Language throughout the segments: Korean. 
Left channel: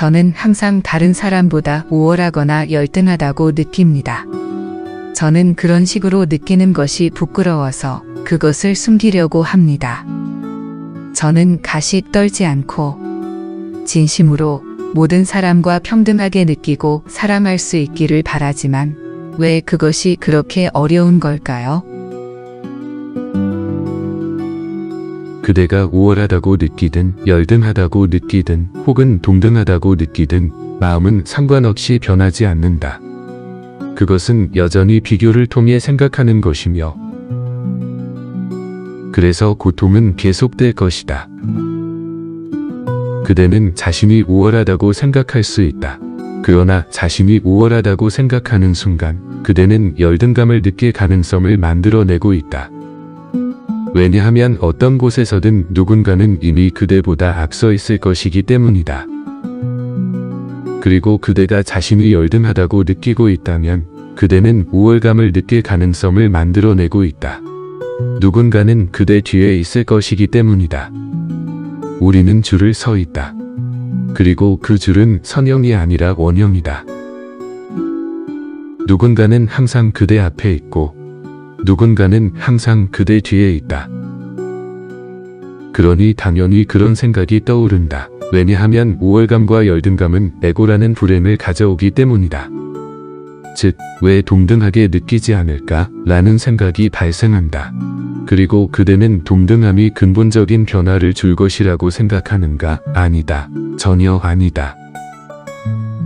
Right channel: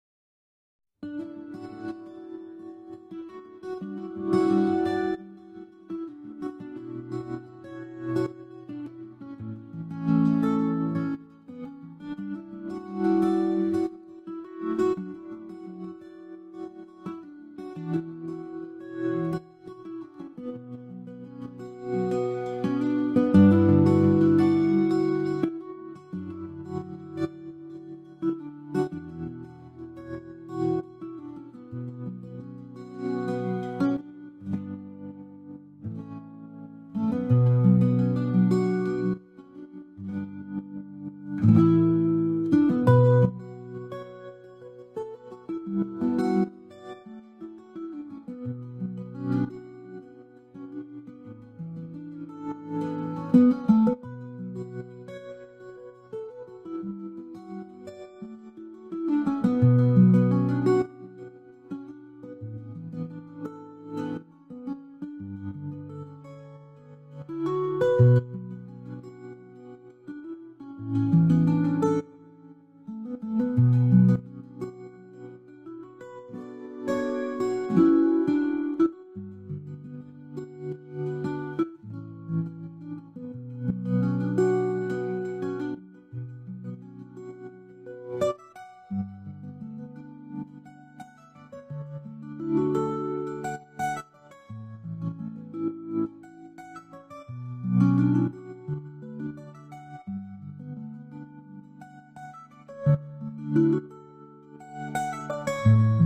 저는 항상 다른 사람보다 우월하거나 열등하다고 느낍니다. 저는 그런 식으로 느끼는 것이 부끄러워서 그것을 숨기려고 합니다. 저는 가식 떨지 않고 진심으로 모든 사람과 평등하게 느끼고 사랑할 수 있기를 바라지만 왜 그것이 그렇게 어려운 걸까요? 그대가 우월하다고 느끼든 열등하다고 느끼든 혹은 동등하다고 느끼든 마음은 상관없이 변하지 않는다. 그것은 여전히 비교를 통해 생각하는 것이며 그래서 고통은 계속될 것이다. 그대는 자신이 우월하다고 생각할 수 있다. 그러나 자신이 우월하다고 생각하는 순간 그대는 열등감을 느낄 가능성을 만들어내고 있다. 왜냐하면 어떤 곳에서든 누군가는 이미 그대보다 앞서 있을 것이기 때문이다. 그리고 그대가 자신이 열등하다고 느끼고 있다면 그대는 우월감을 느낄 가능성을 만들어내고 있다. 누군가는 그대 뒤에 있을 것이기 때문이다. 우리는 줄을 서 있다. 그리고 그 줄은 선형이 아니라 원형이다. 누군가는 항상 그대 앞에 있고 누군가는 항상 그대 뒤에 있다. 그러니 당연히 그런 생각이 떠오른다. 왜냐하면 우월감과 열등감은 에고라는 불행을 가져오기 때문이다. 즉, 왜 동등하게 느끼지 않을까? 라는 생각이 발생한다. 그리고 그대는 동등함이 근본적인 변화를 줄 것이라고 생각하는가? 아니다. 전혀 아니다.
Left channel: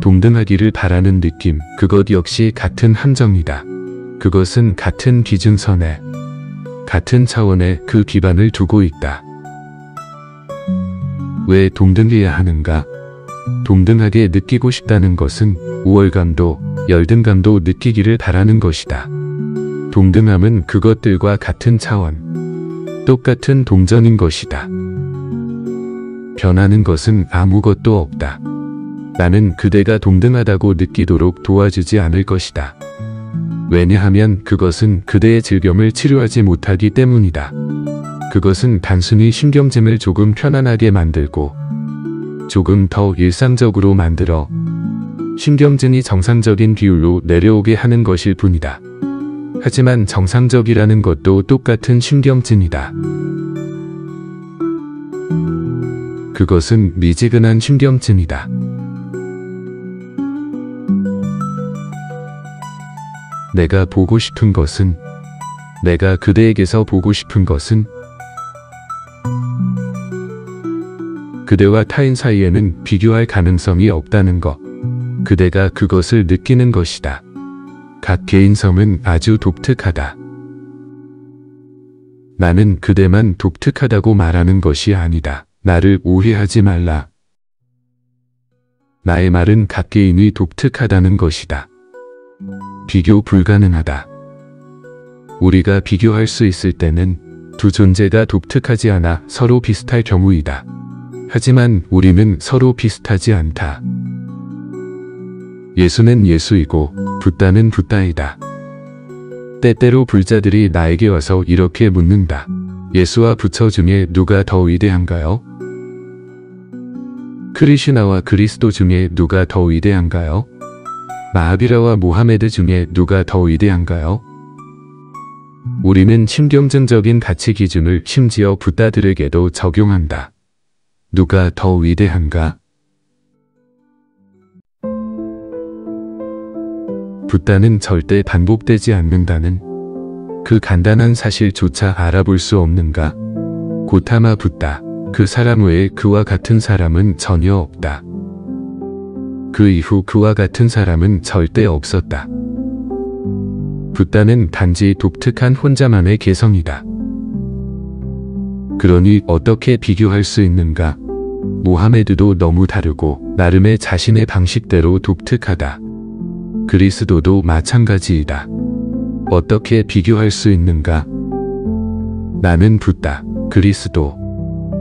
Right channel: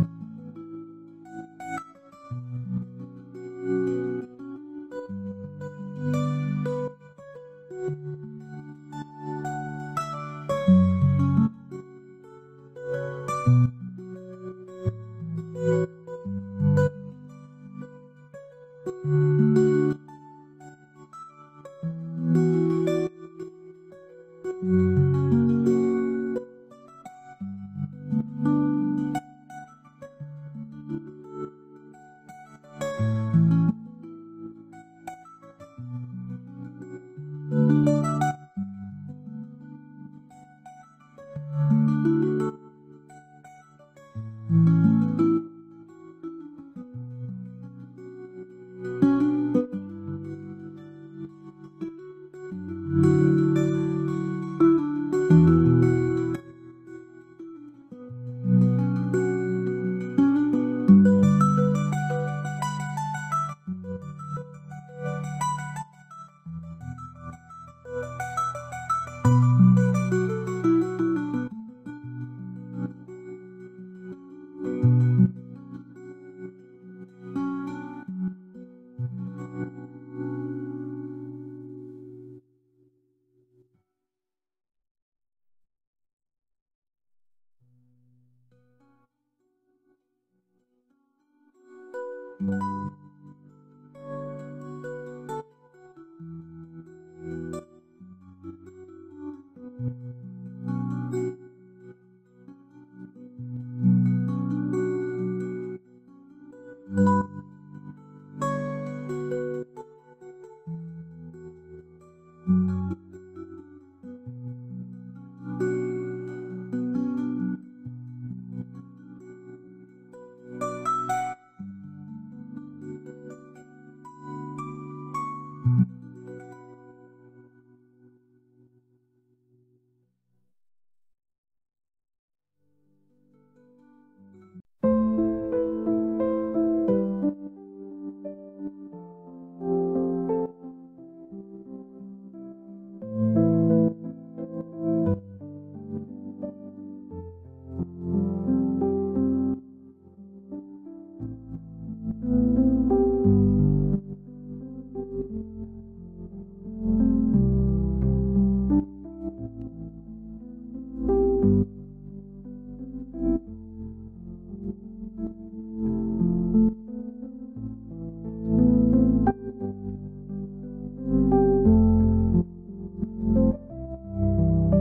동등하기를 바라는 느낌, 그것 역시 같은 함정이다. 그것은 같은 기준선에, 같은 차원에 그 기반을 두고 있다. 왜 동등해야 하는가? 동등하게 느끼고 싶다는 것은 우월감도 열등감도 느끼기를 바라는 것이다. 동등함은 그것들과 같은 차원, 똑같은 동전인 것이다. 변하는 것은 아무것도 없다. 나는 그대가 동등하다고 느끼도록 도와주지 않을 것이다. 왜냐하면 그것은 그대의 질병을 치료하지 못하기 때문이다. 그것은 단순히 신경짐을 조금 편안하게 만들고 조금 더 일상적으로 만들어 신경진이 정상적인 비율로 내려오게 하는 것일 뿐이다. 하지만 정상적이라는 것도 똑같은 신경진이다. 그것은 미지근한 신경진이다. 내가 보고 싶은 것은, 내가 그대에게서 보고 싶은 것은 그대와 타인 사이에는 비교할 가능성이 없다는 것. 그대가 그것을 느끼는 것이다. 각 개인성은 아주 독특하다. 나는 그대만 독특하다고 말하는 것이 아니다. 나를 오해하지 말라. 나의 말은 각 개인이 독특하다는 것이다. 비교 불가능하다. 우리가 비교할 수 있을 때는 두 존재가 독특하지 않아 서로 비슷할 경우이다. 하지만 우리는 서로 비슷하지 않다. 예수는 예수이고 붓다는 붓다이다. 때때로 불자들이 나에게 와서 이렇게 묻는다. 예수와 부처 중에 누가 더 위대한가요? 크리슈나와 그리스도 중에 누가 더 위대한가요? 마하비라와 모하메드 중에 누가 더 위대한가요? 우리는 신경전적인 가치 기준을 심지어 붓다들에게도 적용한다. 누가 더 위대한가? 붓다는 절대 반복되지 않는다는 그 간단한 사실조차 알아볼 수 없는가? 고타마 붓다. 그 사람 외에 그와 같은 사람은 전혀 없다. 그 이후 그와 같은 사람은 절대 없었다. 붓다는 단지 독특한 혼자만의 개성이다. 그러니 어떻게 비교할 수 있는가? 모하메드도 너무 다르고 나름의 자신의 방식대로 독특하다. 그리스도도 마찬가지이다. 어떻게 비교할 수 있는가? 나는 붓다, 그리스도,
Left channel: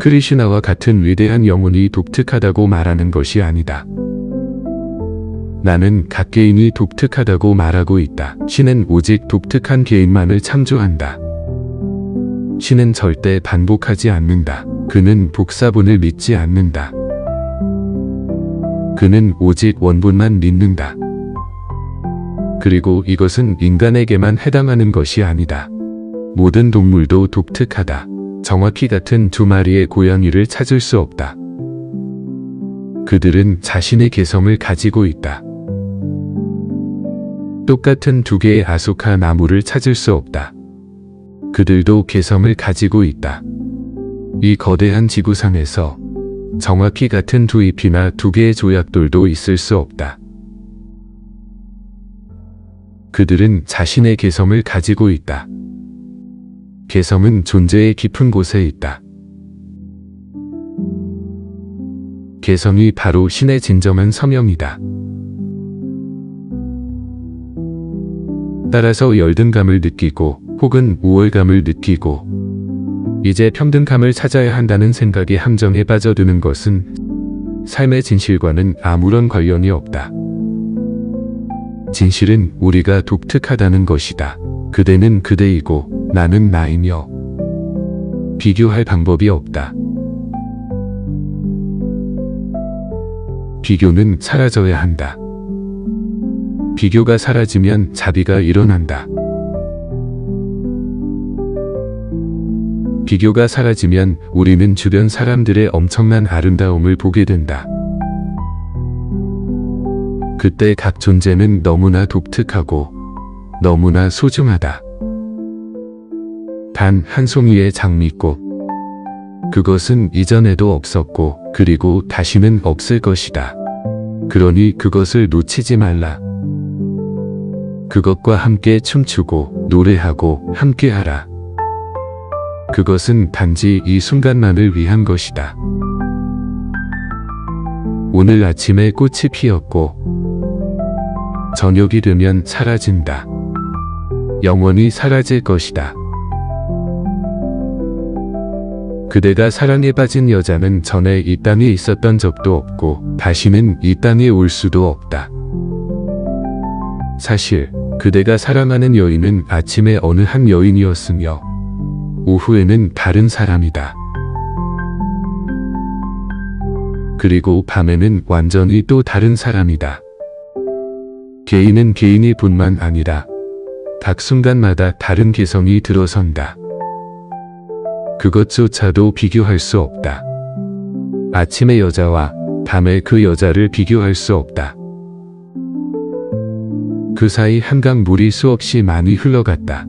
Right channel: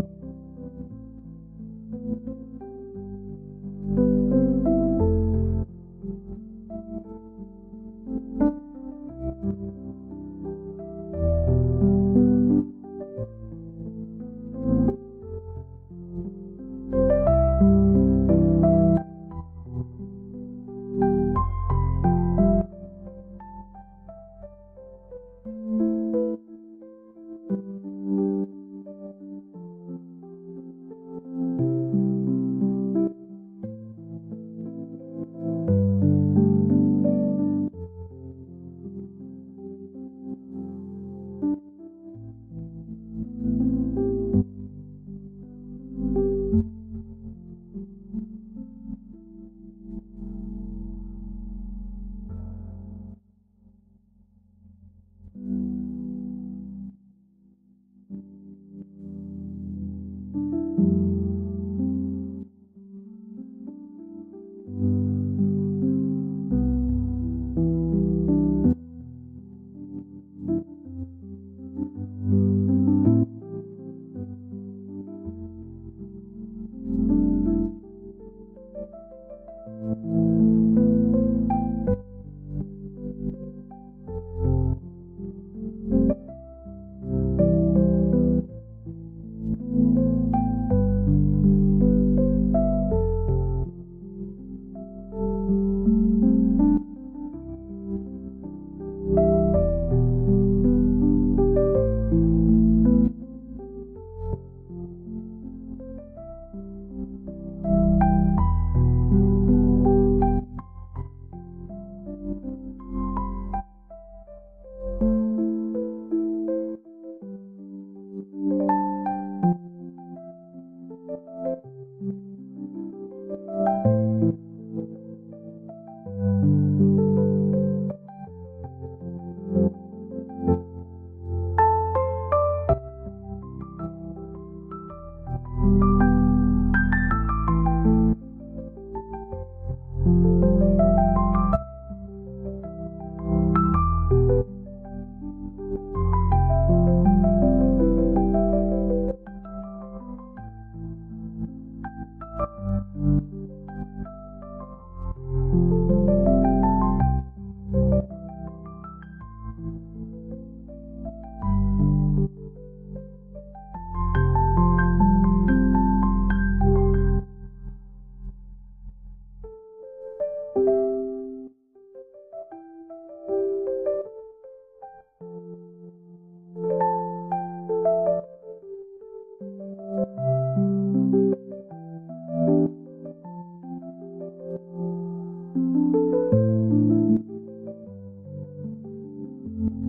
크리슈나와 같은 위대한 영혼이 독특하다고 말하는 것이 아니다. 나는 각 개인이 독특하다고 말하고 있다. 신은 오직 독특한 개인만을 창조한다. 신은 절대 반복하지 않는다. 그는 복사본을 믿지 않는다. 그는 오직 원본만 믿는다. 그리고 이것은 인간에게만 해당하는 것이 아니다. 모든 동물도 독특하다. 정확히 같은 두 마리의 고양이를 찾을 수 없다. 그들은 자신의 개성을 가지고 있다. 똑같은 두 개의 아소카 나무를 찾을 수 없다. 그들도 개성을 가지고 있다. 이 거대한 지구상에서 정확히 같은 두 잎이나 두 개의 조약돌도 있을 수 없다. 그들은 자신의 개성을 가지고 있다. 개성은 존재의 깊은 곳에 있다. 개성이 바로 신의 진정한 서명이다. 따라서 열등감을 느끼고 혹은 우월감을 느끼고 이제 평등감을 찾아야 한다는 생각에 함정에 빠져드는 것은 삶의 진실과는 아무런 관련이 없다. 진실은 우리가 독특하다는 것이다. 그대는 그대이고 나는 나이며 비교할 방법이 없다. 비교는 사라져야 한다. 비교가 사라지면 자비가 일어난다. 비교가 사라지면 우리는 주변 사람들의 엄청난 아름다움을 보게 된다. 그때 각 존재는 너무나 독특하고 너무나 소중하다. 단 한 송이의 장미꽃. 그것은 이전에도 없었고 그리고 다시는 없을 것이다. 그러니 그것을 놓치지 말라. 그것과 함께 춤추고 노래하고 함께하라. 그것은 단지 이 순간만을 위한 것이다. 오늘 아침에 꽃이 피었고 저녁이 되면 사라진다. 영원히 사라질 것이다. 그대가 사랑에 빠진 여자는 전에 이 땅에 있었던 적도 없고 다시는 이 땅에 올 수도 없다. 사실 그대가 사랑하는 여인은 아침에 어느 한 여인이었으며 오후에는 다른 사람이다. 그리고 밤에는 완전히 또 다른 사람이다. 개인은 개인이 뿐만 아니라 각 순간마다 다른 개성이 들어선다. 그것조차도 비교할 수 없다. 아침의 여자와 밤의 그 여자를 비교할 수 없다. 그 사이 한강 물이 수없이 많이 흘러갔다.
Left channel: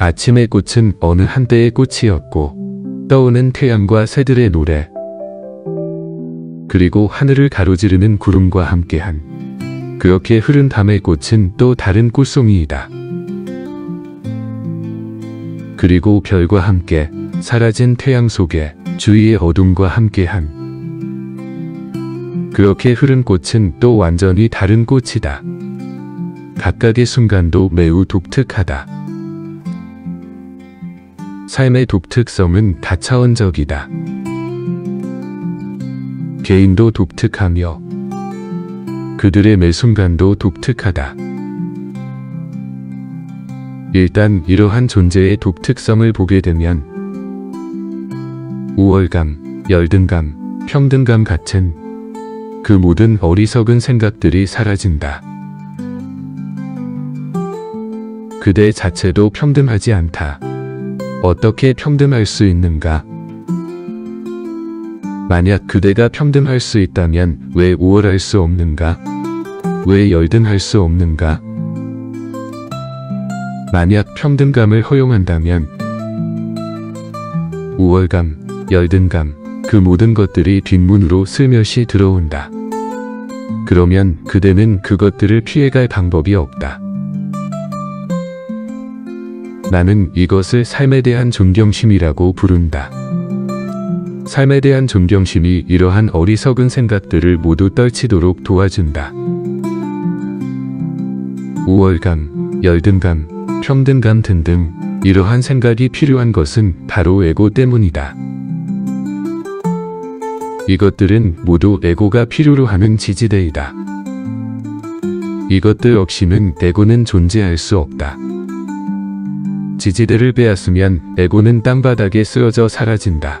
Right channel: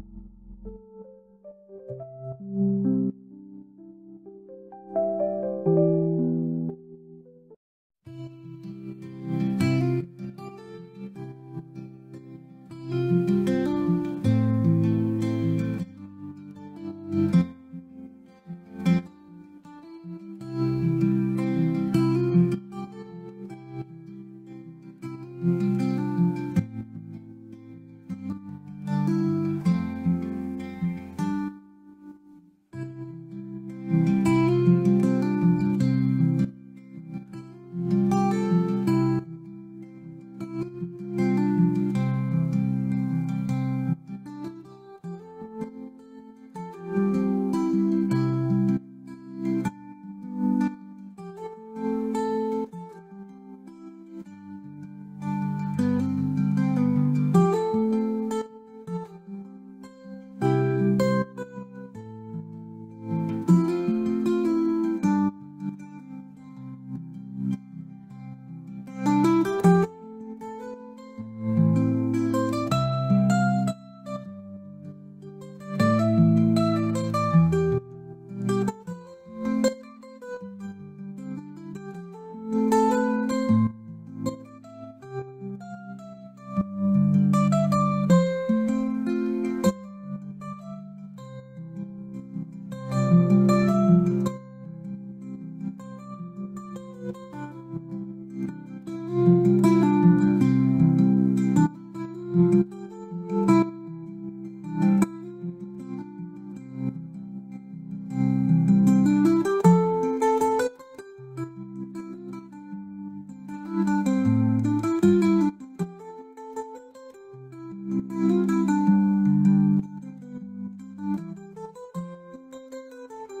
아침의 꽃은 어느 한때의 꽃이었고 떠오는 태양과 새들의 노래 그리고 하늘을 가로지르는 구름과 함께한 그렇게 흐른 밤의 꽃은 또 다른 꽃송이이다. 그리고 별과 함께 사라진 태양 속에 주위의 어둠과 함께한 그렇게 흐른 꽃은 또 완전히 다른 꽃이다. 각각의 순간도 매우 독특하다. 삶의 독특성은 다차원적이다. 개인도 독특하며 그들의 매 순간도 독특하다. 일단 이러한 존재의 독특성을 보게 되면 우월감, 열등감, 평등감 같은 그 모든 어리석은 생각들이 사라진다. 그대 자체도 평등하지 않다. 어떻게 평등할 수 있는가? 만약 그대가 평등할 수 있다면 왜 우월할 수 없는가? 왜 열등할 수 없는가? 만약 평등감을 허용한다면 우월감, 열등감, 그 모든 것들이 뒷문으로 슬며시 들어온다. 그러면 그대는 그것들을 피해갈 방법이 없다. 나는 이것을 삶에 대한 존경심이라고 부른다. 삶에 대한 존경심이 이러한 어리석은 생각들을 모두 떨치도록 도와준다. 우월감, 열등감, 평등감 등등 이러한 생각이 필요한 것은 바로 에고 때문이다. 이것들은 모두 에고가 필요로 하는 지지대이다. 이것들 없이는 에고는 존재할 수 없다. 지지대를 빼앗으면 에고는 땅바닥에 쓰러져 사라진다.